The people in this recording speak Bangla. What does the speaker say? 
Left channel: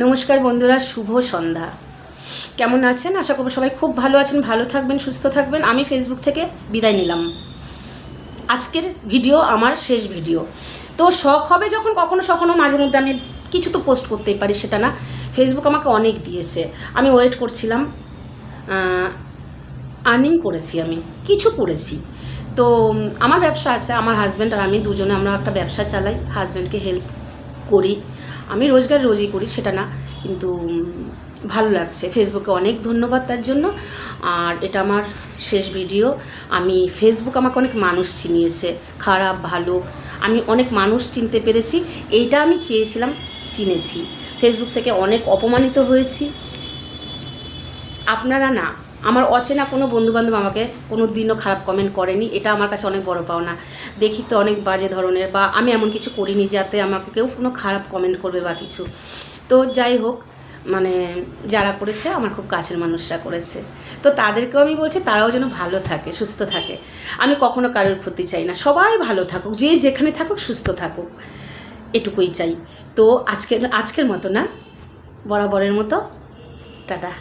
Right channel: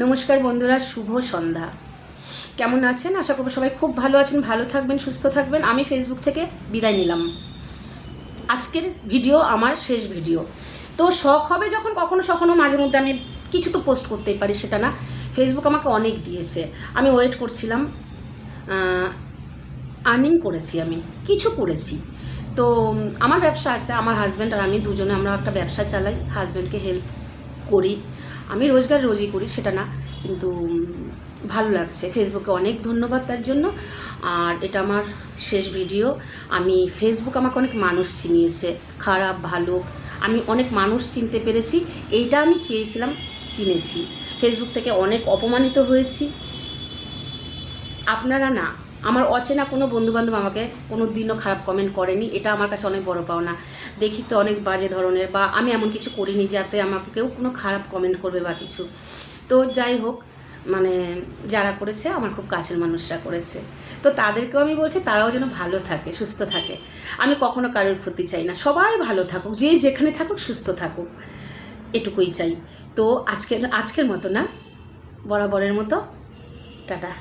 নমস্কার বন্ধুরা, শুভ সন্ধ্যা। কেমন আছেন? আশা করব সবাই খুব ভালো আছেন, ভালো থাকবেন, সুস্থ থাকবেন। আমি ফেসবুক থেকে বিদায় নিলাম। আজকের ভিডিও আমার শেষ ভিডিও। তো শখ হবে যখন কখনো মাঝে মধ্যে আমি কিছু তো পোস্ট করতেই পারি, সেটা না। ফেসবুক আমাকে অনেক দিয়েছে, আমি ওয়েট করছিলাম। আর্নিং করেছি, আমি কিছু করেছি। তো আমার ব্যবসা আছে, আমার হাজব্যান্ড আর আমি দুজনে আমরা একটা ব্যবসা চালাই, হাজব্যান্ডকে হেল্প করি। আমি রোজগার রোজই করি, সেটা না, কিন্তু ভালো লাগছে। ফেসবুকে অনেক ধন্যবাদ তার জন্য। আর এটা আমার শেষ ভিডিও। আমি ফেসবুক আমাকে অনেক মানুষ চিনিয়েছে, খারাপ ভালো, আমি অনেক মানুষ চিনতে পেরেছি। এইটা আমি চেয়েছিলাম, চিনেছি। ফেসবুক থেকে অনেক অপমানিত হয়েছি। আপনারা না, আমার অচেনা কোনো বন্ধুবান্ধব আমাকে কোনো দিনও খারাপ কমেন্ট করেনি, এটা আমার কাছে অনেক বড় পাওনা। দেখি তো অনেক বাজে ধরনের, বা আমি এমন কিছু করিনি যাতে আমাকে কেউ কোনো খারাপ কমেন্ট করবে বা কিছু। তো যাই হোক, মানে যারা করেছে আমার খুব কাছের মানুষরা করেছে, তো তাদেরকেও আমি বলছি তারাও যেন ভালো থাকে, সুস্থ থাকে। আমি কখনো কারোর ক্ষতি চাই না, সবাই ভালো থাকুক, যে যেখানে থাকুক সুস্থ থাকুক, এটুকুই চাই। তো আজকের মতো না, বরাবরের মতো, টাটা।